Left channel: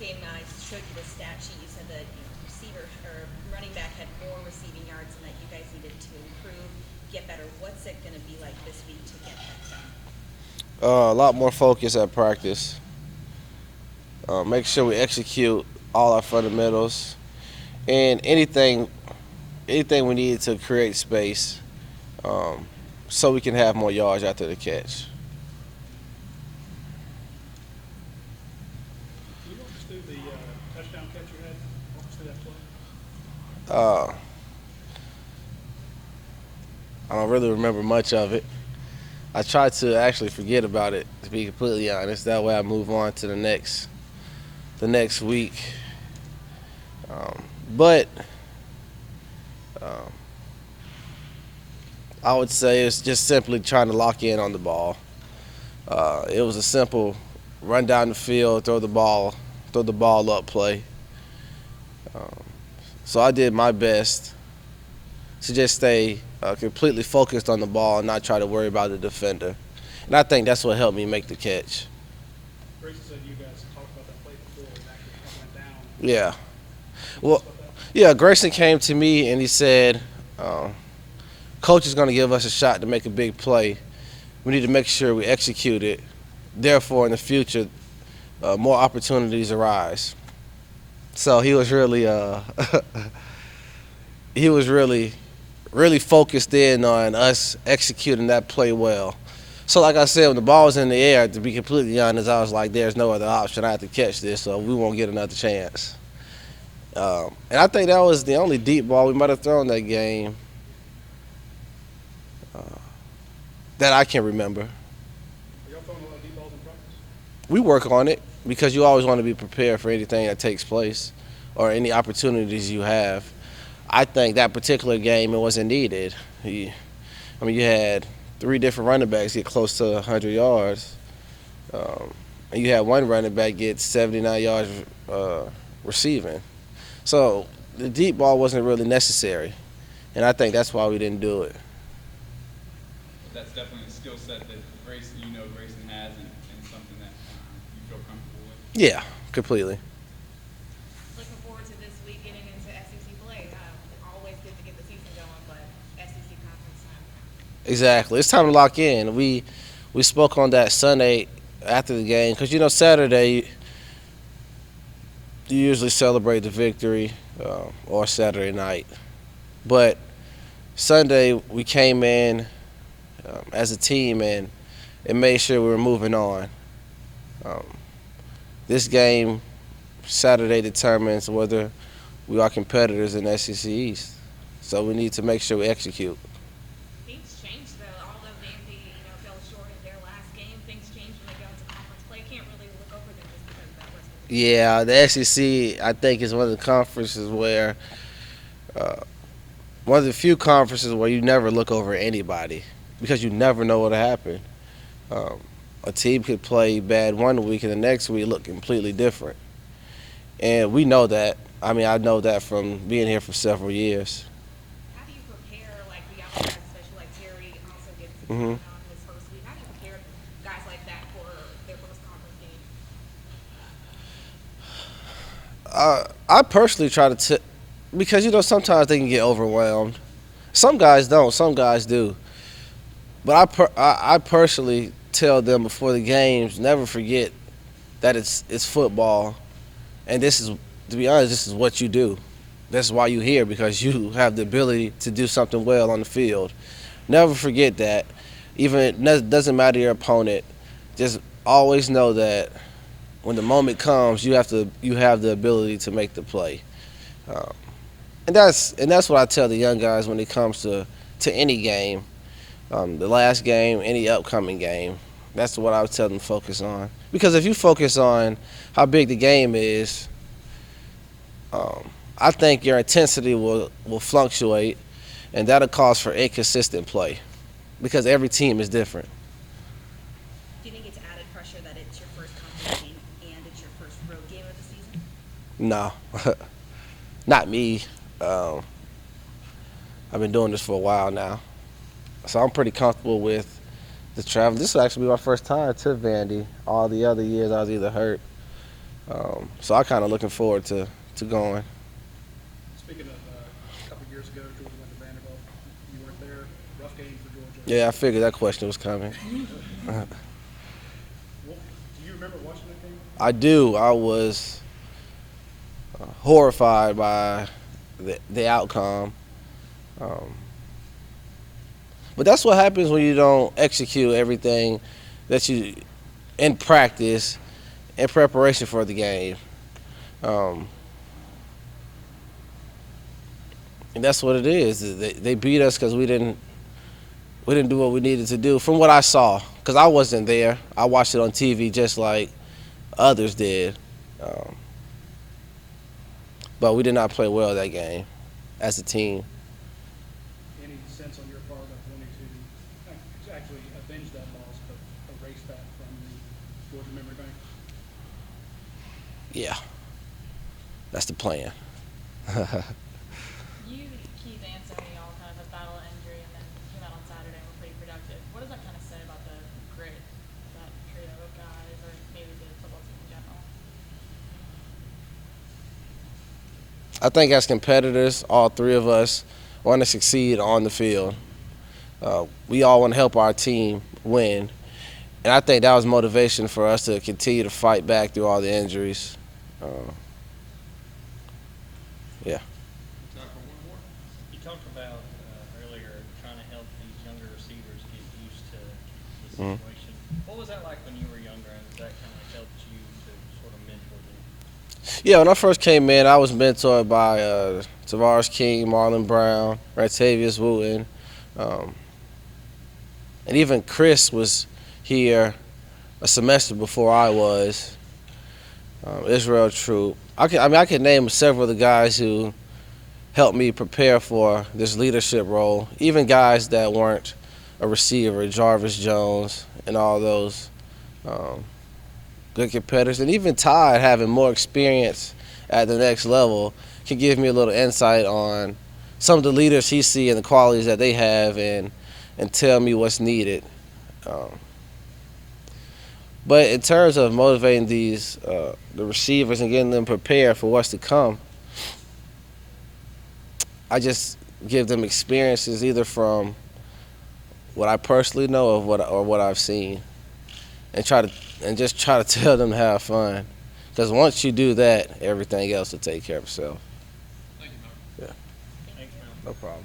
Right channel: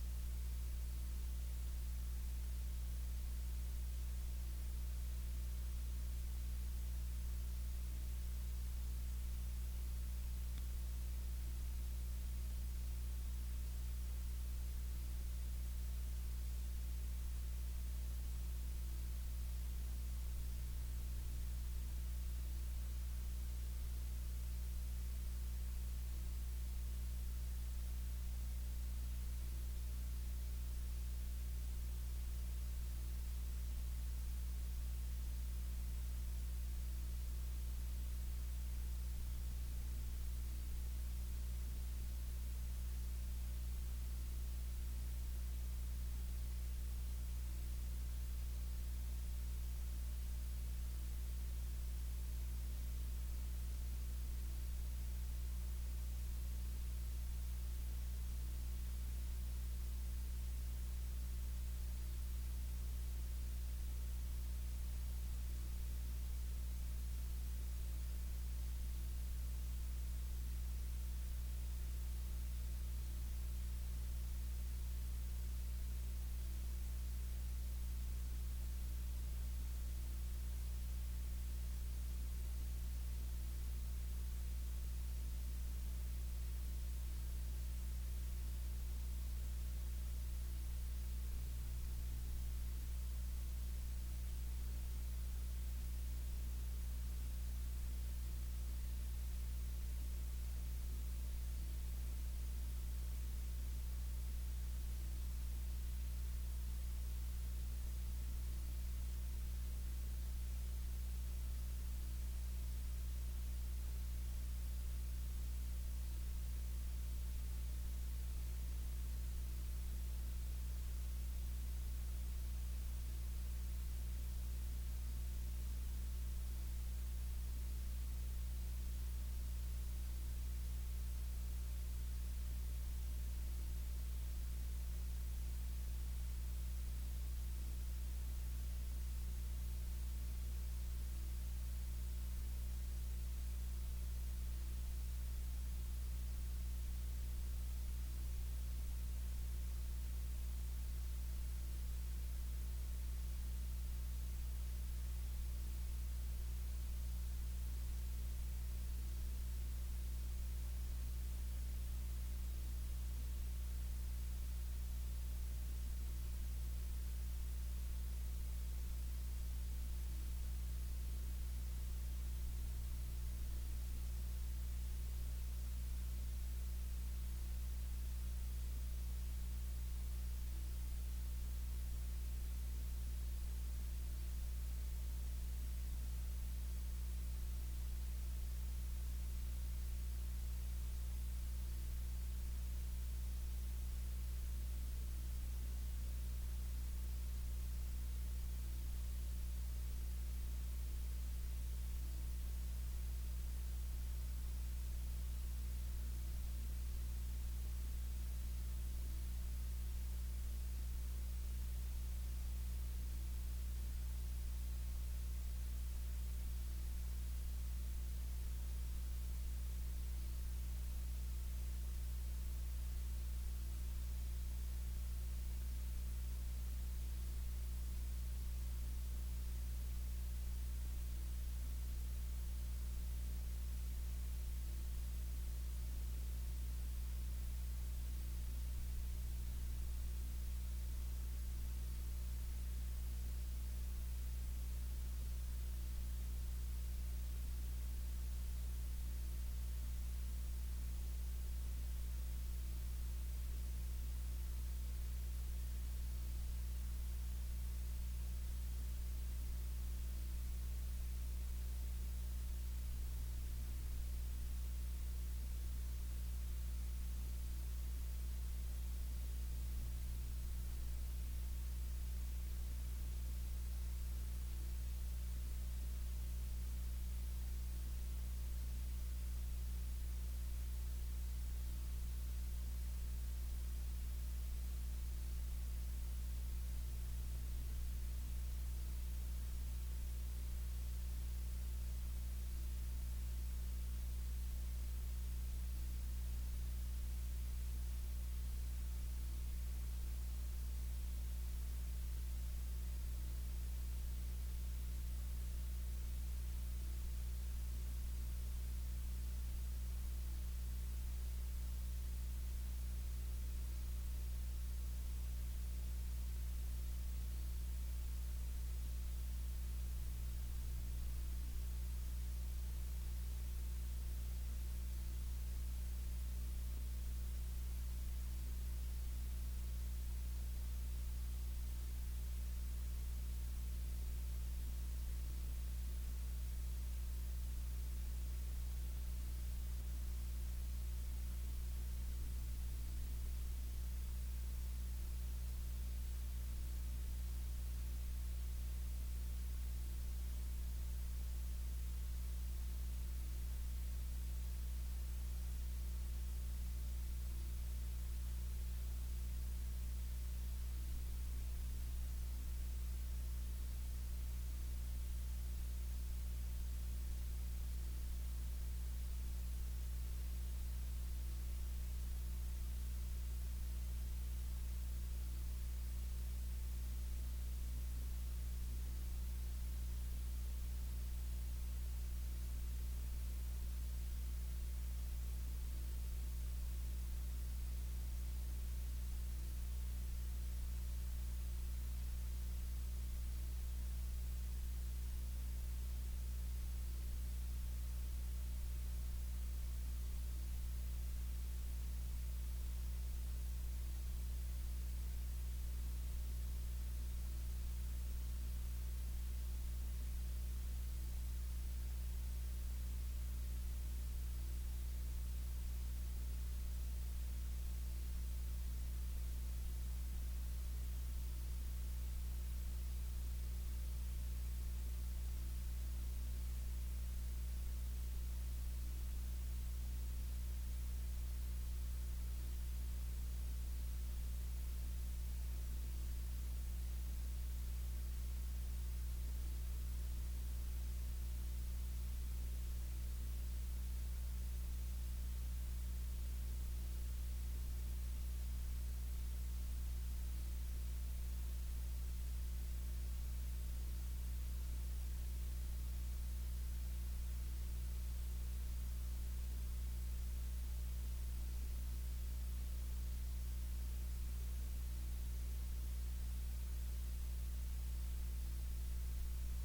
game, I showed you the stat sheet. You said that receiver or running back had more receiving yards, and that you guys needed to improve, get better. What's it going to be like this week to get that done? A lot more focus at practice. Make sure we execute all our fundamentals and anything we need to create space, so we can have more yards after the catch. Can you walk us through the touchdown catch you had? Walk us through that play. Uh, I don't really remember much of it. I try to actually forget about it, to be completely honest. That way I move on to the next week. Um, but um, I would say it's just simply trying to lock in on the ball. It was a simple run down the field, throw the ball up play. Um, so I did my best to just stay completely focused on the ball and not try to worry about the defender. And I think that's what helped me make the catch. Grayson said you guys talked about that play before and actually kind of went down. Yeah. Can you tell us Well, about that? yeah, Grayson came to me and he said, Coach is going to give us a shot to make a big play. We need to make sure we execute it. Therefore, in the future, more opportunities arise. So he was really, he was really focused in on us executing that play well. So, like I said, when the ball was in the air, to be completely honest, I was like, "There's no other option. I have to catch this, so we won't get another chance." And I think that was the only deep ball we might have thrown that game uh, that I can remember. Are y'all throwing a lot of deep balls in practice? We work on it because you always want to be prepared for anything that takes place or any opportunities you have. I think that particular game it wasn't needed. You had three different running backs get close to 100 yards, um, and you had one running back get 79 yards uh, receiving. So the deep ball wasn't really necessary, and I think that's why we didn't do it. That's definitely a skill set that Grayson has, and something that you feel comfortable with. Yeah, completely. Looking forward to this week getting into SEC play. Always good to get the season going, but SEC conference time. Exactly. It's time to lock in. We spoke on that Sunday after the game because Saturday you usually celebrate the victory or Saturday night, but Sunday we came in as a team and made sure we were moving on. Um, this game Saturday determines whether we are competitors in SEC East, so we need to make sure we execute. Things changed though. Although Vandy, fell short in their last game, things changed when they got into conference play. Can't really look over them just because of that West Virginia game. Yeah, the SEC I think is one of the conferences where uh, one of the few conferences where you never look over anybody because you never know what'll happen. Um, a team could play bad one week and the next week look completely different, and we know that. I mean, I know that from being here for several years. How do you prepare like the younger guys, especially like Terry, also gets hmm on his first week? How do you prepare guys like that for their first conference game? I personally try to because sometimes they can get overwhelmed. Some guys don't. Some guys do. But I personally tell them before the games, never forget that it's football, and this is, to be honest, this is what you do. That's why you're here, because you have the ability to do something well on the field. Never forget that. Even it doesn't matter your opponent. Just always know that when the moment comes, you have the ability to make the play. Um, and that's what I tell the young guys when it comes to any game, the last game, any upcoming game. That's what I would tell them to focus on. Because if you focus on how big the game is, um, I think your intensity will fluctuate, and that'll cause for inconsistent play because every team is different. Do you think it's added pressure that it's your first conference game and it's your first road game of the season? No, not me. Um, I've been doing this for a while now, so I'm pretty comfortable with the travel. This will actually be my first time to Vandy. All the other years I was either hurt So I kind of looking forward to going. Speaking of, a couple years ago, Georgia went to Vanderbilt. You weren't there. Rough game for Georgia. Yeah, I figured that question was coming. Well, do you remember watching that game? I do. I was horrified by the outcome. Um, but that's what happens when you don't execute everything that you in practice in preparation for the game. And that's what it is. They beat us because we didn't do what we needed to do. From what I saw, because I wasn't there, I watched it on TV just like others did. But we did not play well that game as a team. Any sense on your part of wanting to actually avenge that loss, but erase that from the Georgia memory bank? Yeah, that's the plan. You, Keith, and Sony all kind of had battle injury and then came out on Saturday and were pretty productive. What does that kind of say about the grit of that trio of guys, or maybe the football team in general? I think as competitors, all three of us want to succeed on the field. We all want to help our team win. And I think that was motivation for us to continue to fight back through all the injuries. Yeah. You talked about earlier trying to help these younger receivers get used to the Mhm. situation. What was that like when you were younger, and has that kind of helped you to sort of mentor them? Yeah, when I first came in, I was mentored by Tavares King, Marlon Brown, Ratavius Wooten, and even Chris was here a semester before I was. Israel Troop. I could name several of the guys who helped me prepare for this leadership role. Even guys that weren't a receiver, Jarvis Jones, and all those good competitors, and even Todd having more experience at the next level can give me a little insight on some of the leaders he see and the qualities that they have, and tell me what's needed. But in terms of motivating these the receivers and getting them prepared for what's to come, I just give them experiences either from what I personally know of what I've seen, and just try to tell them to have fun. Because once you do that, everything else will take care of itself. Thank you, Mark. Yeah, Thanks, man. no problem.